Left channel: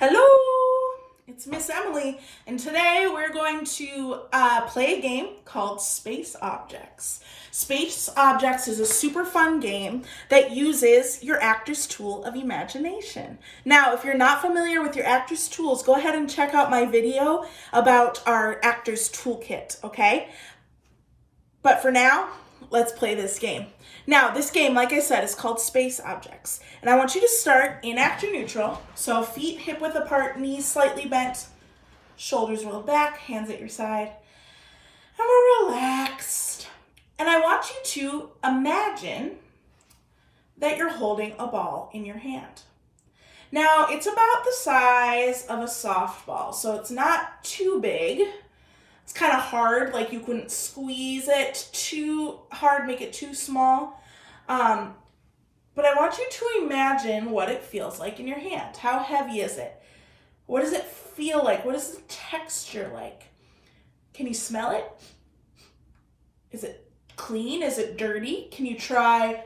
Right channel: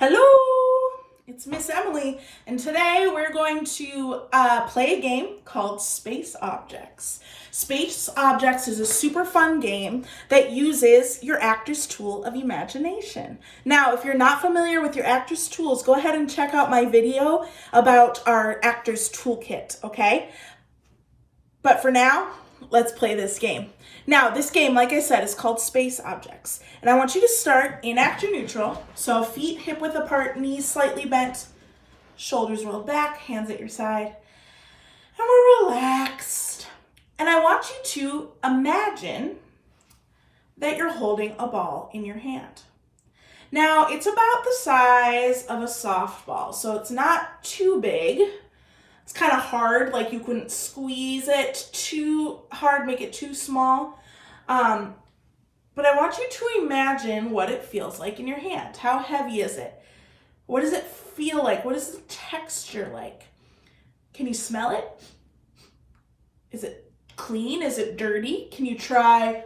Hello, it's Miss Emily, and today we're going to play a game called Space Objects. Space Objects is a super fun game that uses your actor's tool of imagination. Now, if you're not familiar with your actor's tools, go ahead and check out my video about our actor's toolkit, okay? But for now, let's play this game. Now, this game, like I said, is called Space Objects. And I want you to start in actor neutral. So feet hip width apart, knees slightly bent, shoulders rolled back, hands at your side. And we're relaxed. And I want you to imagine that you're holding a ball in your hand. Now, it's about the size of a softball, so it's not too big. It's kind of hard, like you couldn't squeeze it too hard, make it too small. But I want you to imagine what it feels like in your hand. How heavy is it? What does it feel like? What is the texture like? Can you smell it? Is it clean? Is it dirty? Can you try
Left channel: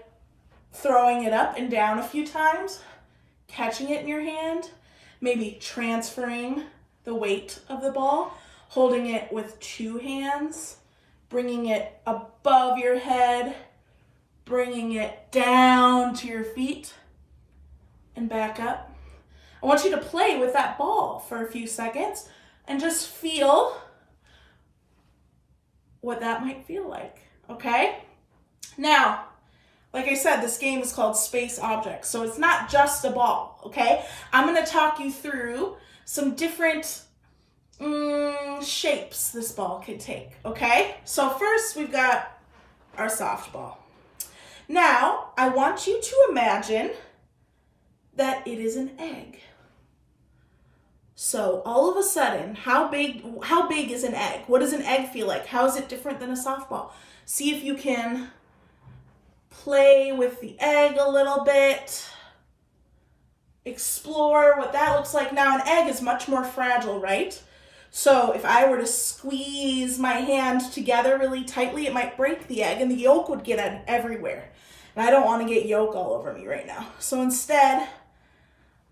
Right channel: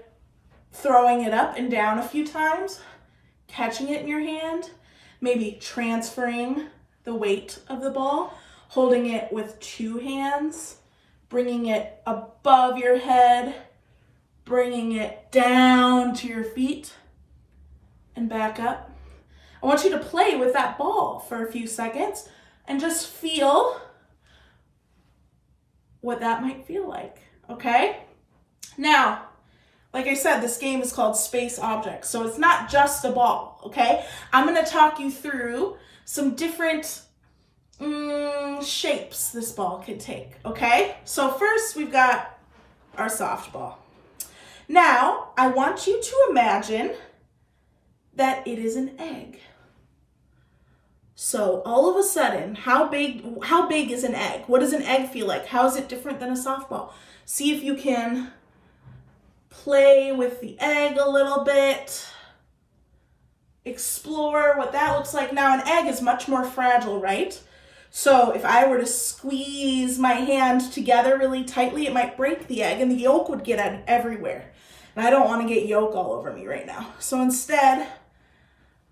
throwing it up and down a few times? Catching it in your hand? Maybe transferring the weight of the ball? Holding it with two hands, bringing it above your head, bringing it down to your feet and back up. I want you to play with that ball for a few seconds and just feel what that might feel like, okay? Now, like I said, this game is called Space Objects, so it's not just a ball, okay? I'm gonna talk you through some different shapes this ball could take, okay? So first we've got our softball. Now, I want you to imagine that it is an egg. So all of a sudden, how big is an egg? What does an egg feel like? How is it different than a softball? See if you can play with the egg a little bit. Explore what that looks like. Now, an egg is much more fragile, right? So if I were to squeeze my hand together really tightly, it might break the egg and the yolk would get everywhere. And I don't want to get yolk all over me right now. So instead,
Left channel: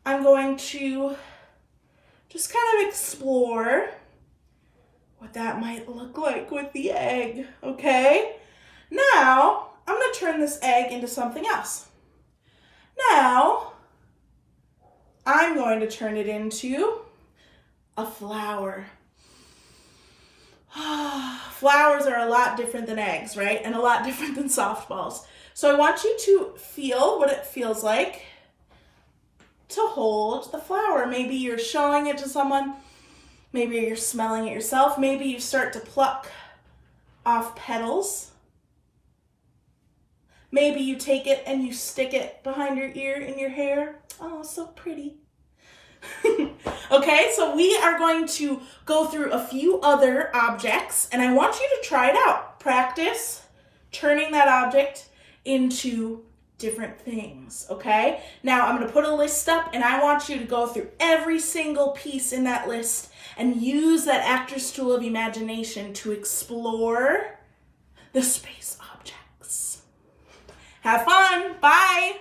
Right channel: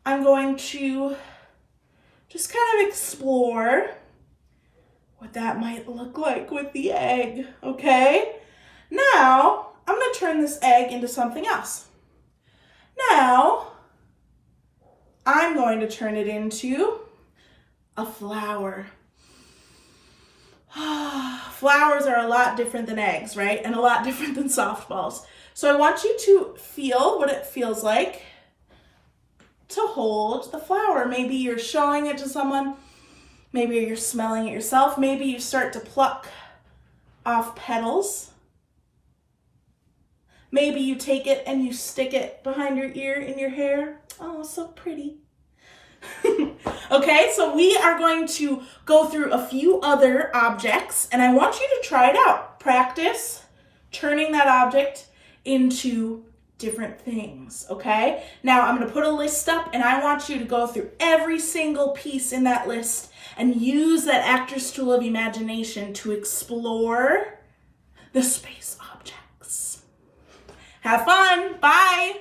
I'm going to just kind of explore what that might look like with the egg, okay? Now, I'm going to turn this egg into something else. Now, I'm going to turn it into a flower. Flowers are a lot different than eggs, right? And a lot different than softballs. So I want you to feel what it feels like to hold the flower. Maybe you're showing it to someone. Maybe you're smelling it yourself. Maybe you start to pluck off petals. Maybe you take it and you stick it behind your ear in your hair. Oh, so pretty. Okay, so we are going to go through a few other objects, and I want you to try it out. Practice turning that object into different things, okay? Now, I'm going to put a list up, and I want you to go through every single piece in that list and use that actor's tool of imagination to explore the space objects. Have fun. Bye.